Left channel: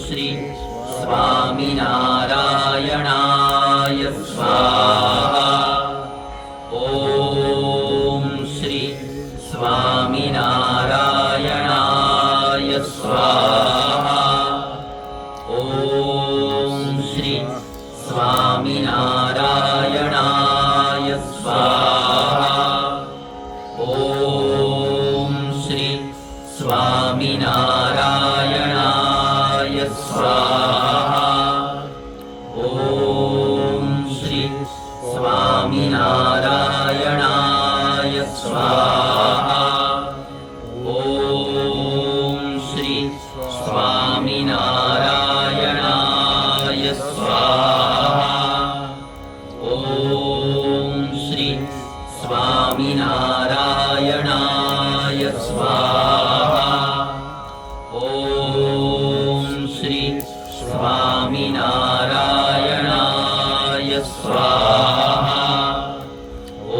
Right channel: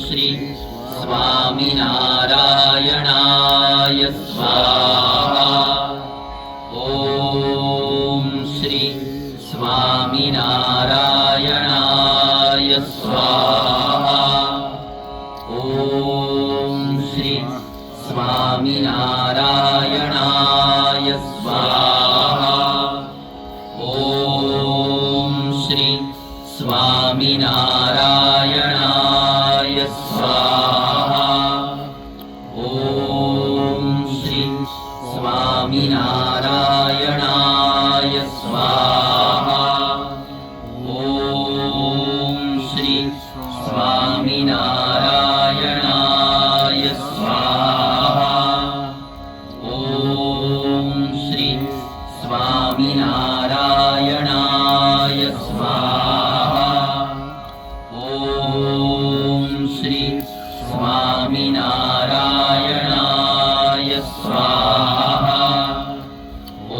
श्री स्वामीनारायणाय स्वाहा। ॐ श्री स्वामीनारायणाय स्वाहा। ॐ श्री स्वामीनारायणाय स्वाहा। ॐ श्री स्वामीनारायणाय स्वाहा। ॐ श्री स्वामीनारायणाय स्वाहा। ॐ श्री स्वामीनारायणाय स्वाहा। ॐ श्री स्वामीनारायणाय स्वाहा। ॐ श्री स्वामीनारायणाय स्वाहा। ॐ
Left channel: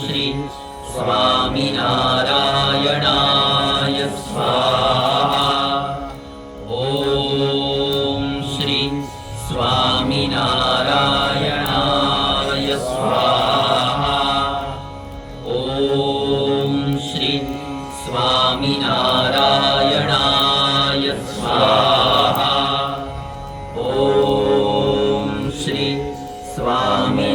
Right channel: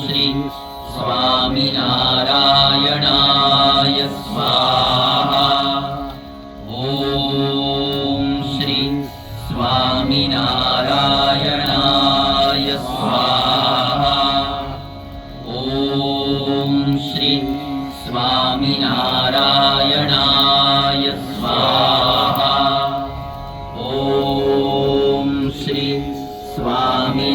श्री स्वामीनारायणाय स्वाहा। ॐ श्री स्वामीनारायणाय स्वाहा। ॐ श्री स्वामीनारायणाय स्वाहा। ॐ श्री स्वामी